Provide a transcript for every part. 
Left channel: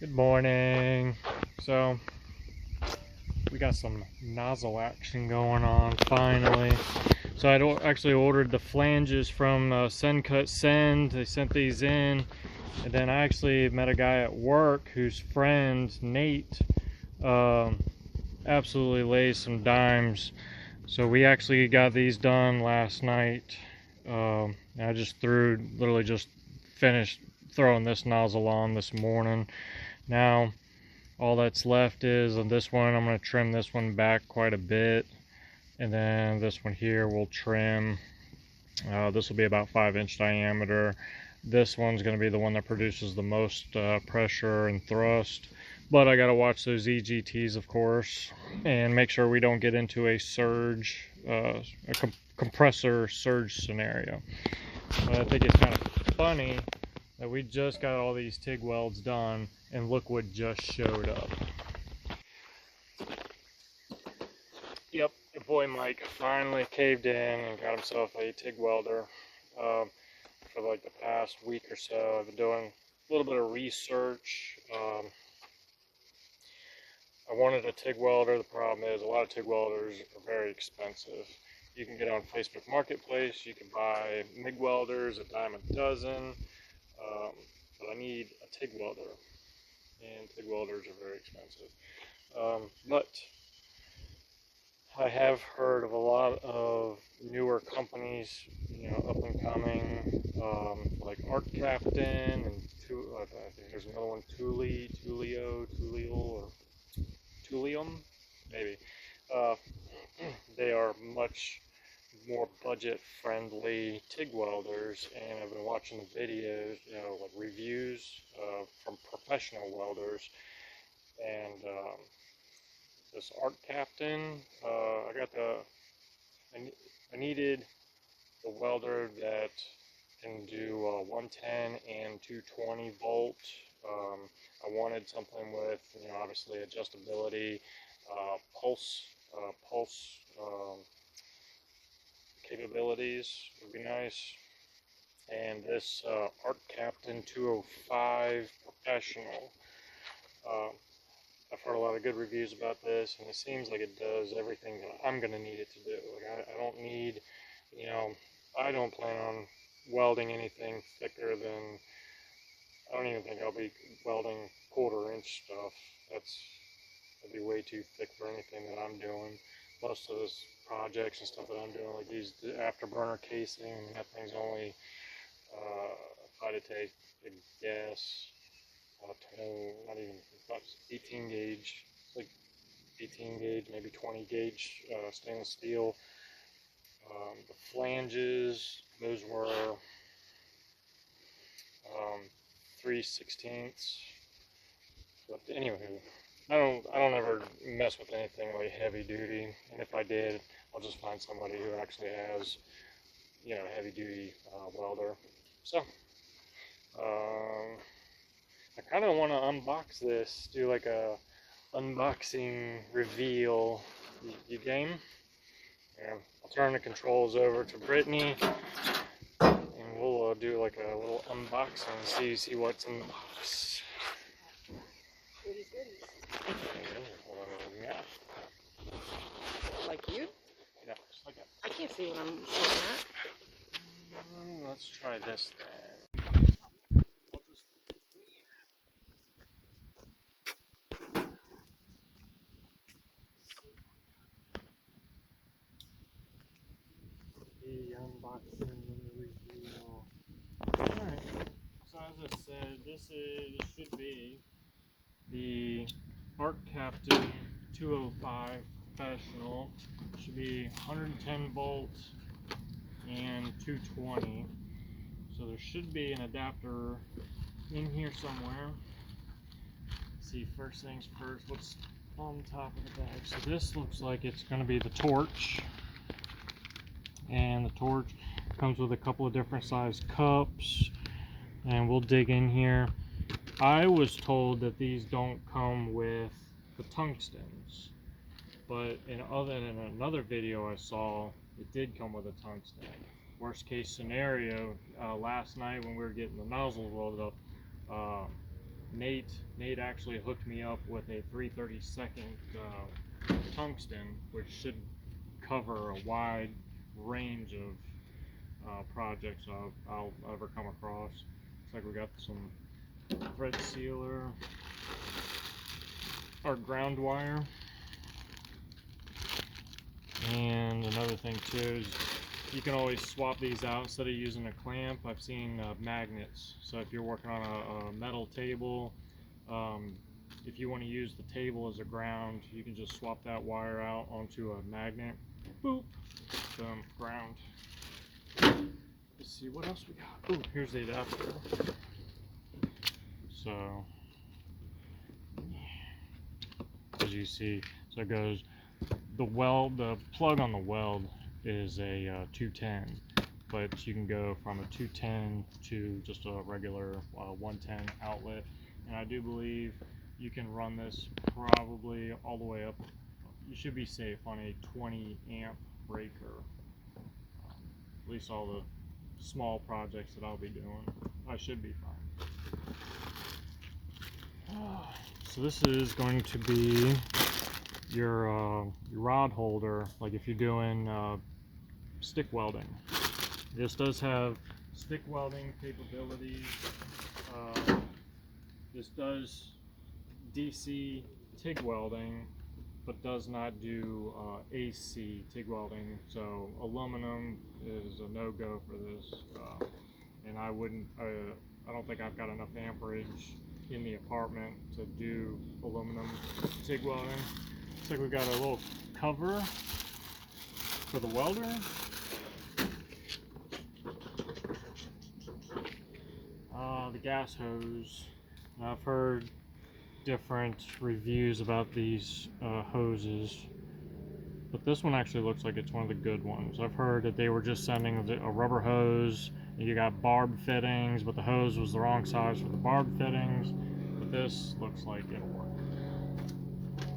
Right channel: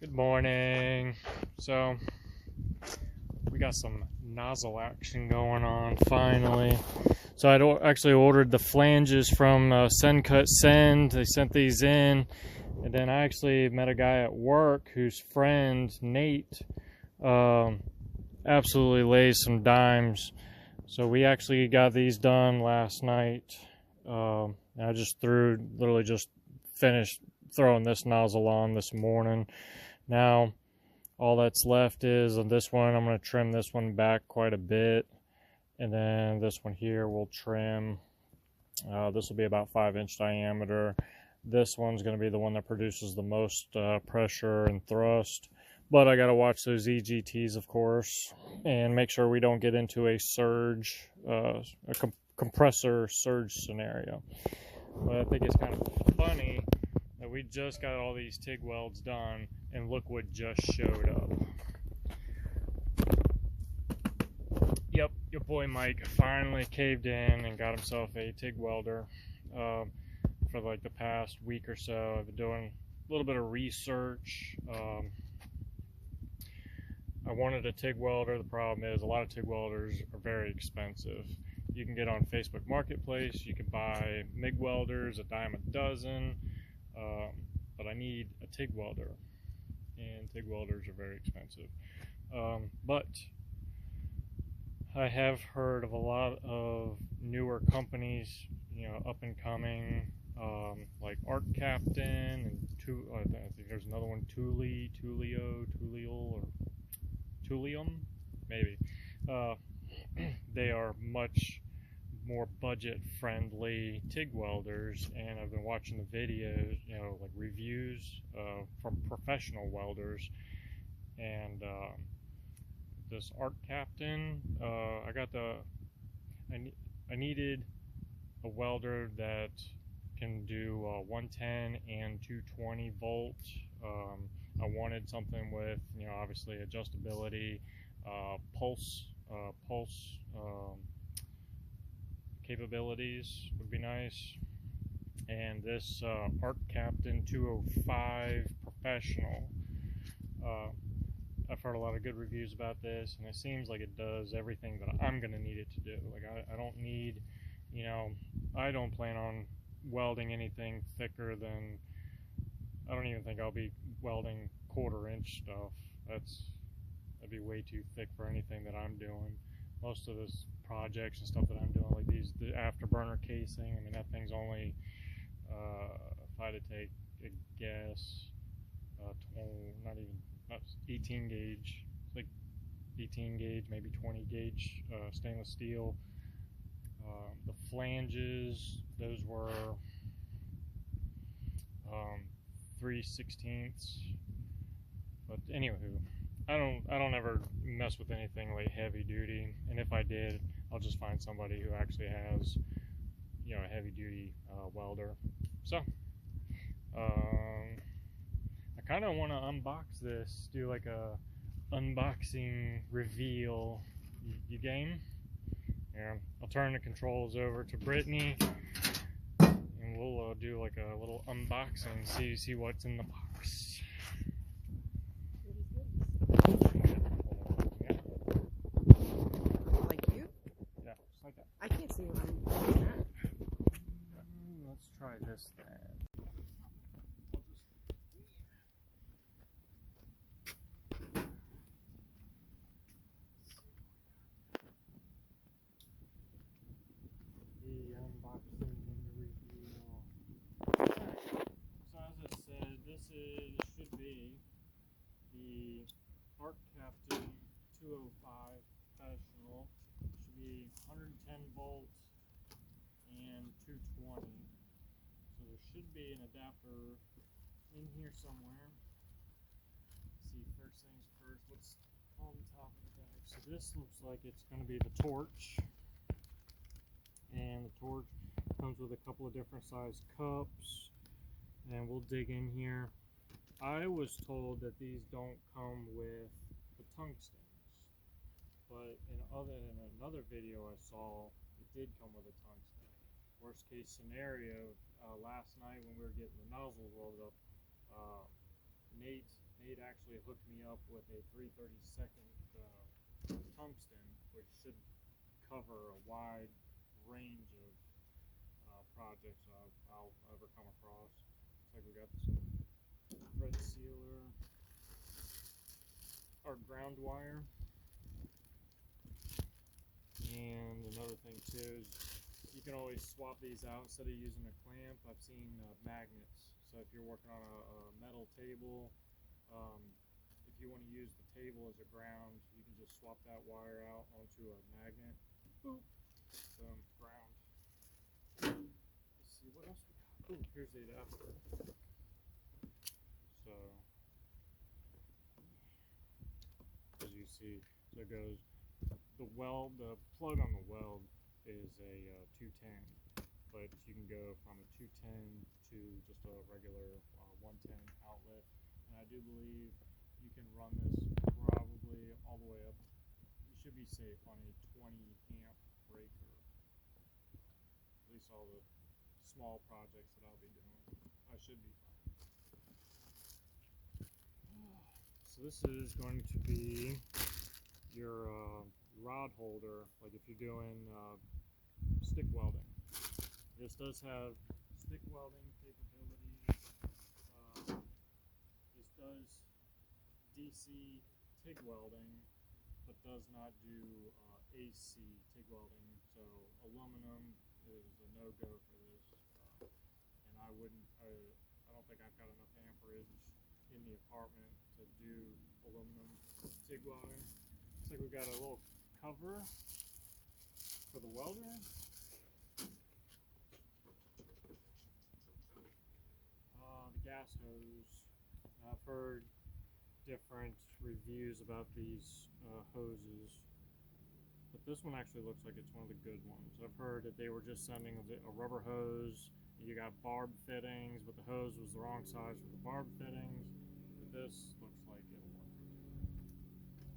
Good morning. So we got some nozzle action going on finally. So I actually ordered the flanges from Send Cut Send. They sent these in, and then I actually met a guy at work whose friend Nate absolutely lays some dimes. So we actually got these done last night. I just literally just finished throwing this nozzle on this morning. Now all that's left is on this one, I'm going to trim this one back quite a bit, and then this one here will trim. This will be about 5-inch diameter. This one's going to be the one that produces the most pressure and thrust, but I got to watch those EGTs, of course, and make sure we don't get into a surge, compressor surge scenario. And I think it's kind of funny that we just got all these TIG welds done and look what just showed up. Yep, your boy Mike finally caved in and got himself a TIG welder. For like the past week or so, I've been doing a little bit of research. I wanted a TIG welder. The problem is a lot of TIG welders are very expensive. You can get on Facebook Marketplace, you can buy MIG welders, a dime a dozen, but I need a TIG welder, and TIG welders are very expensive. But I have heard of a lot of newer companies, up and coming, like ArcCaptain, and I think there's another one, Tulio, or Tulium, maybe. They are much more budget friendly TIG welders, and I've been watching the videos, like reviews from professional welders, and this ArcCaptain, I needed a welder that can do 110 and 220 volt. I wanted something with, obviously adjustability, pulse capabilities would be nice. And this ArcCaptain 205 Professional, I've heard a lot of good reviews about this, and it seems like it does everything that I'm going to need it to do. Like I don't need, I don't plan on welding anything thicker than, I don't even think I'll be welding 1/4-inch stuff. That'd be way too thick for anything that I'm doing. Most of those projects and stuff that I'm doing, like the afterburner casing, I mean, that thing's only, if I had to take a guess, not even, about 18 gauge, it's like 18 gauge, maybe 20 gauge stainless steel. The flanges, those were 3/16. But anywho, I don't ever mess with anything like heavy duty, and if I did, I'll just find somebody who actually has, a heavy duty welder. So I kind of want to unbox this, do like a unboxing reveal. You game? Yeah, I'll turn the controls over to Brittany, and we'll do like a little unboxing, see what's in the box. Goodies. Hold on, yeah. Like you? Yeah, just like that. I can't see what I'm looking at. Let's try this then. The unboxing and the reveal. Alright, so as I said, this should be the ArcCaptain 205 Professional. Should be 110 volts and 220. So there should be an adapter in here somewhere. Let's see, first things first, what's on top of the bag? So this looks like it's going to be the torch. And the torch comes with a couple of different size cups, and we'll dig in here. I was told that these don't come with the tungstens, but in another video I saw, it did come with a tungsten. Worst case scenario, last night when we were getting the nozzles welded up, Nate actually hooked me up with a 3/32 tungsten, which should cover a wide range of projects I'll ever come across. Looks like we got some red sealer, our ground wire, and another thing too is you can always swap these out instead of using a clamp. I've seen magnets, so if you're working on a metal table, if you want to use the table as a ground, you can just swap that wire out onto a magnet. Boop, boom, ground. Let's see what else we got. Ooh, here's the adapter. So as you see, so it goes, the plug on the weld is a 210, but you can go from a 210 to just a regular 110 outlet, and I do believe you can run this probably all the way up. You should be safe on a 20 amp breaker. At least all the small projects that I'll be doing, I should be fine. So this is going to be your rod holder, like if you're doing stick welding. This does have stick welding capabilities. This does DC TIG welding, but does not do AC TIG welding. So aluminum is a no-go for this, and I don't think I've got enough amperage in the apartment to do aluminum TIG welding. Looks like we've got a little cover for the welder. The gas hose. I've heard different reviews about these hoses, but this one actually looks like it's one of the good ones. I've heard that they were just sending a rubber hose, and you got barbed fittings, but the hose was the wrong size for the barbed fittings. But this looks like it'll work.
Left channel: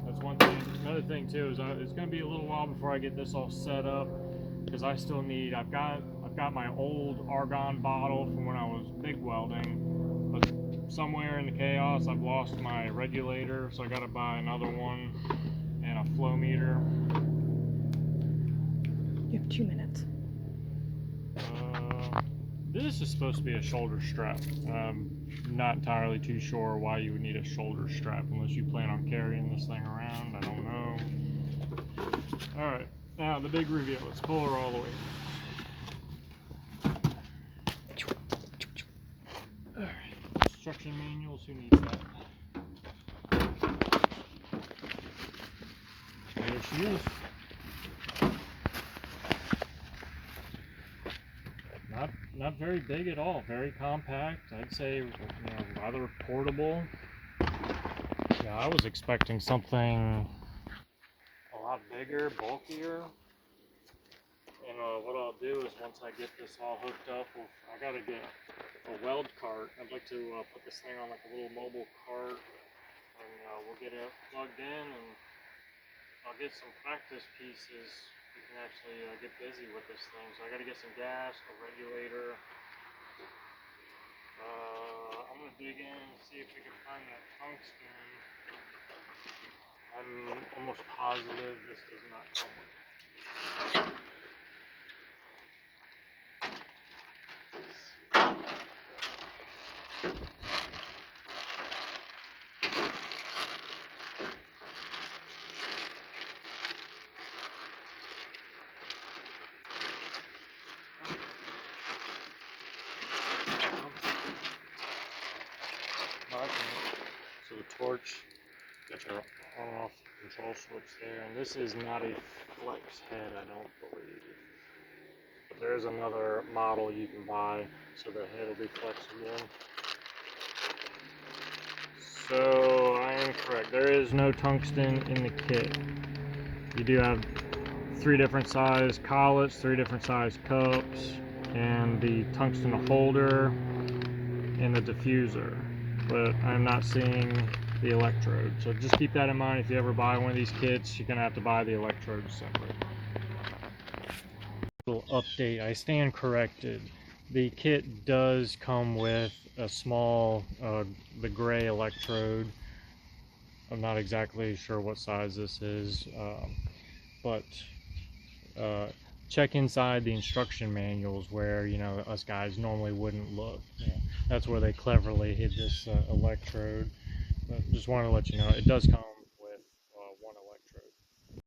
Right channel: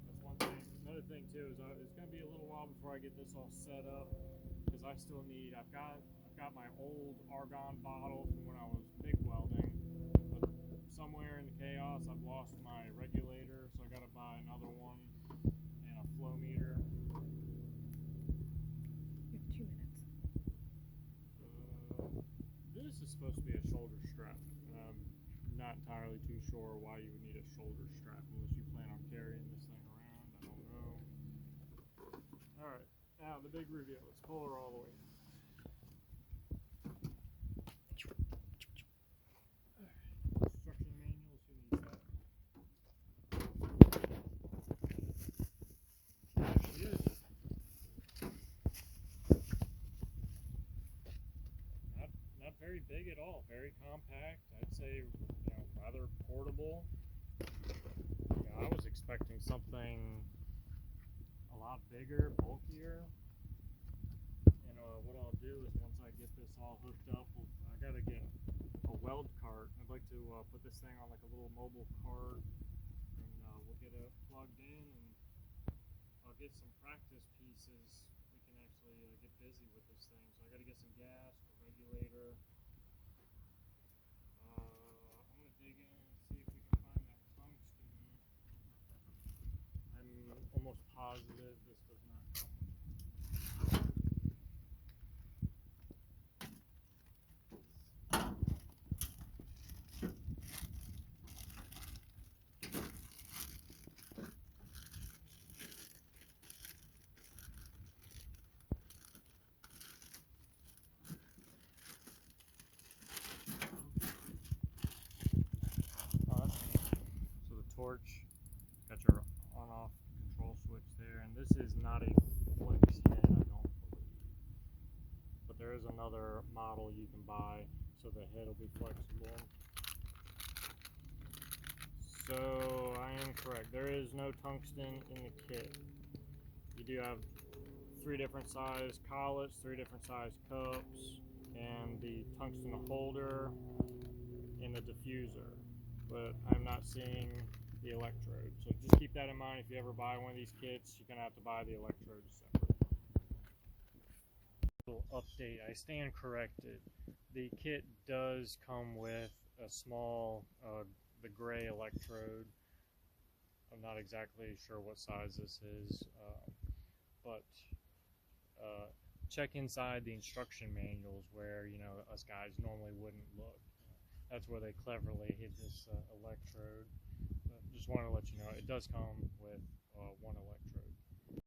That's one thing. Another thing too is it's going to be a little while before I get this all set up, because I still need. I've got my old argon bottle from when I was MIG welding, but somewhere in the chaos I've lost my regulator, so I got to buy another one and a flow meter. You have 2 minutes. This is supposed to be a shoulder strap. Not entirely too sure why you would need a shoulder strap unless you plan on carrying this thing around. I don't know. Alright, now the big reveal. Let's pull her all the way. Alright, instruction manuals, who needs that? There she is. Not very big at all, very compact. I'd say, rather portable. Yeah, I was expecting something a lot bigger, bulkier. And what I'll do is once I get this all hooked up, I gotta get a weld cart. I'd like to put this thing on like a little mobile cart, and we'll get it plugged in, and I'll get some practice pieces. We can actually get busy with this thing. So I got to get some gas, a regulator. I'm going to dig in and see if we can find that tungsten. I'm almost positive this does not come with it. So the torch, got your on-off control switch there, and this is not a flex head, I don't believe. But there is another model you can buy, so the head will be flexible. So I am correct. There is no tungsten in the kit. You do have 3 different size collets, 3 different size cups, and the tungsten holder and the diffuser. But I'm not seeing the electrode. So just keep that in mind. If you ever buy one of these kits, you're going to have to buy the electrodes separate. Little update, I stand corrected. The kit does come with a small the gray electrode. I'm not exactly sure what size this is, but check inside the instruction manuals where, you know, us guys normally wouldn't look. Yeah, that's where they cleverly hid this electrode. But just wanted to let you know it does come with one electrode.